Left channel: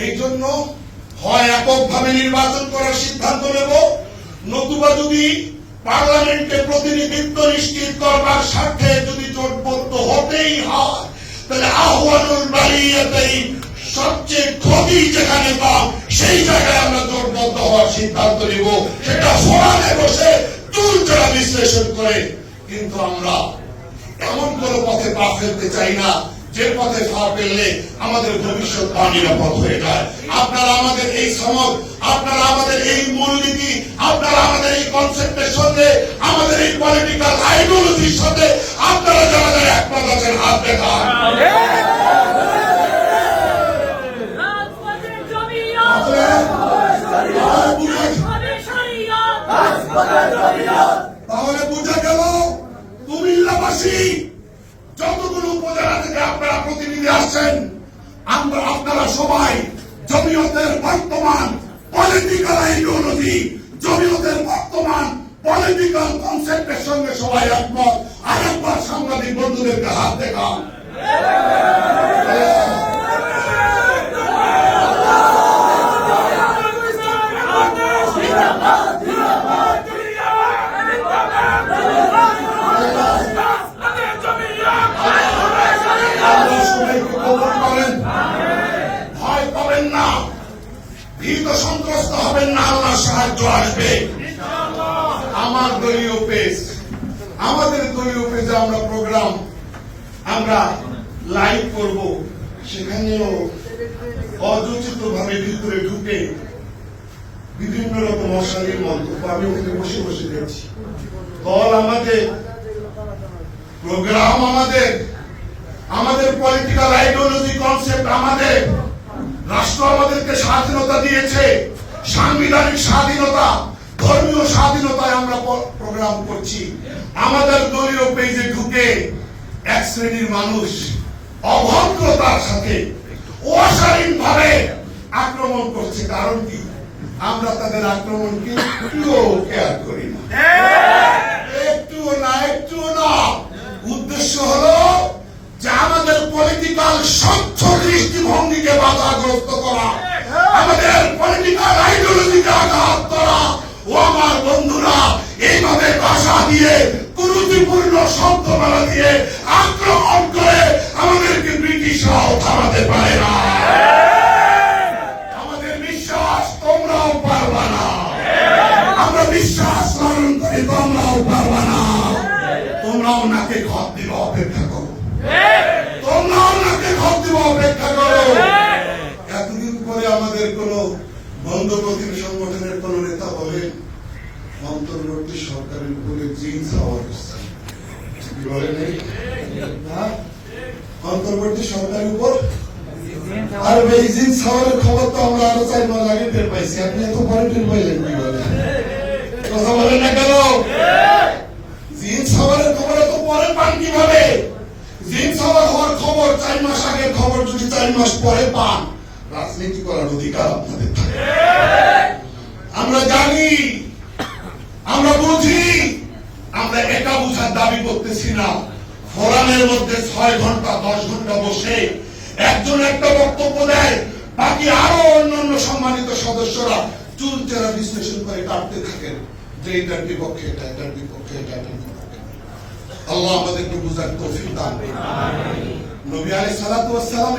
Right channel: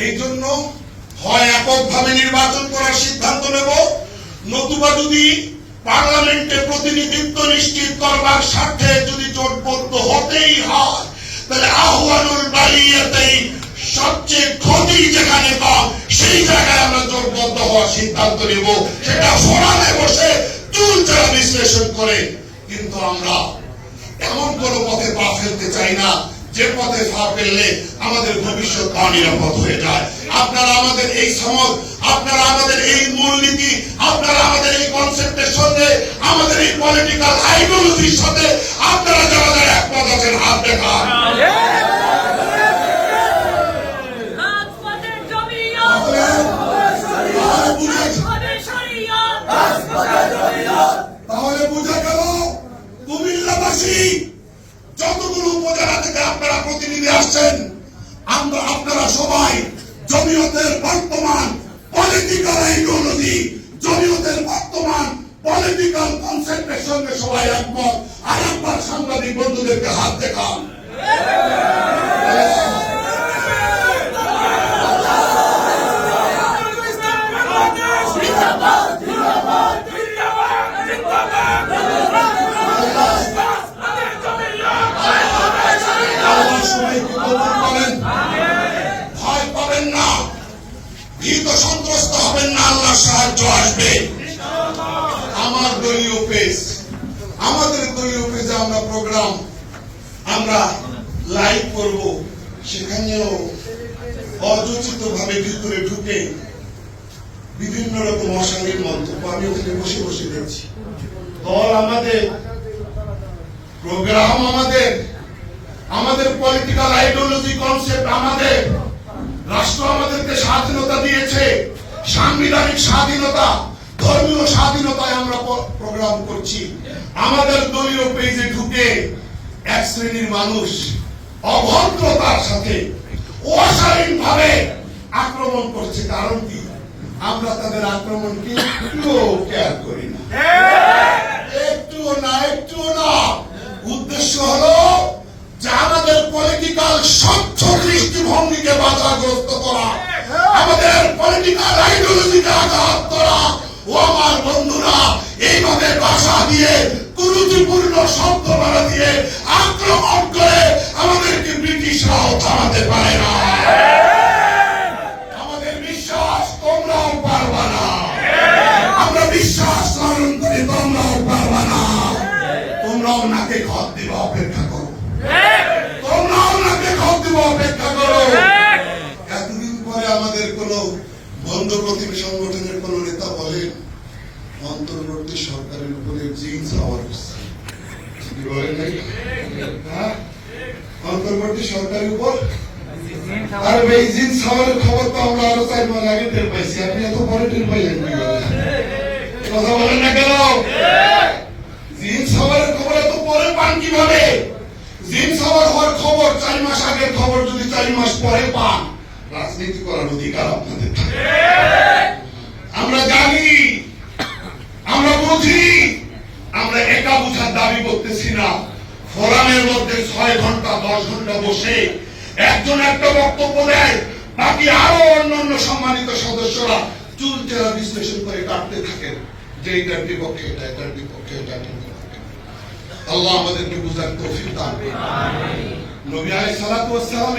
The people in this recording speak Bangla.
এই জন্য হয় এককভাবে নির্বাচন করার সিদ্ধান্ত নেব, নতুবা যদি পার্লামেন্টে প্রতিনিধিত্ব নিশ্চিত করবার স্বার্থে যদি জোটবদ্ধ হতেই হয়, তাহলে আহ্বানুল বারিয়াতেই সবচেয়ে ক্ষতি যেখানে কম সেই জায়গায় আমরা জোটবদ্ধ হওয়ার সিদ্ধান্ত নেব। সেটা ফোরামে বসে চুলচেরা বিশ্লেষণ করে। কিন্তু আমরা এমন কোন পথে পা ফেলতে চাই না যে পথে পা ফেললে আমাদের ভবিষ্যৎ অনিরাপদ হয়ে যায়। আপনারা আমাদের এই সমাজ, আপনারা আমাদের এই মূলনীতি, আপনারা আমাদের এই কনসেপ্টের সাথে, আমাদের এই পলিটিক্যাল আইডিওলজির সাথে আপনারা যারা একমত আছেন হাত দেখান। তাহলে বুঝে গেল কুমিল্লাবাসী, যতগুলো উপজেলা থেকে আপনারা প্রতিনিধি আসছেন, আপনারা সবাই জমিয়তের বর্তমান পলিটিক্যাল আইডিওলজি, জমিয়তের বর্তমান পলিটিক্যাল কনসেপ্টের সঙ্গে সবাই একমত। আর একবার সাংবাদিক বন্ধুদেরকে হাত দেখান। ভয় পাবেন না, ভীত সন্ত্রস্ত হবেন না, আল্লাহর সাহায্য আসবে। আমার দলীয় পেজ, আমাদের দলীয় পেজে আমরা প্রোগ্রাম আমরা লাইভ করব, সেখানেও অযোচিত ভাবে ভিতরে ঢুকে বিভিন্ন রকম অশালীন মন্তব্য আমি ওখানে বসে বসে দেখছি। দল আমাদের, প্রোগ্রাম আমাদের, আমাদের পলিটিক্যাল আইডিওলজি কনসেপ্ট আমাদের, রাষ্ট্র আমাদেরকে স্বাধীনতা দিয়েছে, সাংবিধানিক স্বাধীনতা, ধর্মীয় স্বাধীনতায় আমরা প্রোগ্রাম করছি। আমাদের দলীয় পেজে ঢুকে এক শ্রেণীর মানুষ অভদ্রতার সাথে অশালীন ভাবে আক্রমণ করছে। কারণ কি? আমরা তাদের আক্রমণকে একটুও কেয়ার করি না, একটুও না, একটুও না। উদ্দেশ্য হলো যে আমাদের পলিটিক্যাল স্বচ্ছ দৃষ্টিভঙ্গিকে বাধাগ্রস্ত করা, আমাদের পলিটিক্যাল আইডিওলজিকে আঘাত করা। ও আমার বন্ধুরা, এইভাবে ভাষা দিয়ে, কুরুচিপূর্ণ শব্দমালা দিয়ে আক্রমণ করে আমাদেরকে ব্রিটিশরাও থামাতে পারে না। আমাদের বিশ্বাস তোমরাও পারবা না, আমরা বিশ্বাস লালন করি, তোমরাও পারবা না। তোমরাও নাকে খত দিবা, অপেক্ষা করো, তোমরাও নাকে খত দিবা, অপেক্ষা করো। এতদিন পরে আমাদের কোন বন্ধ প্রতিনিধি সংগঠনের কোন নেতা বলেন অন্তর্বর্তী সরকারের উপরে জিন্স হওয়ার অন্তর্বর্তী সরকারের উপর, আর এই জিন্স হওয়ার খবর তো আমরা আরো 4 মাস আগে টের পাইছি। আপনি এত পরে টের পাইলেন কথা বলেন না কেন? জিন্স হওয়ার খবর এত পরে পান কিভাবে? জিন্স হওয়ার খবর 4 মাস আগের খবর যদি 4 মাস পরে পান, রাজনীতি করার অধিকার আপনাদের থাকে। আমরা জানি, আমরা বুঝি, আমরা একা বুঝার দাবি করতেছি না। ফোরামের মধ্যে 6 ঘন্টা 10 ঘন্টা বসে একজন একটা বক্তব্য দেয়, বাকি আরো অন্যান্য সম্মানিত সদস্যরা চুলচেরা বিশ্লেষণ করে কাটতে থাকেন যে এটার বিপক্ষে এটা, এটার বিপক্ষে এটা, এটার বিপক্ষে। আল্লাহ আমাদেরকে বুঝার তৌফিক দান করুন। নবী আলাইহিস সালাতু ওয়াস সালাম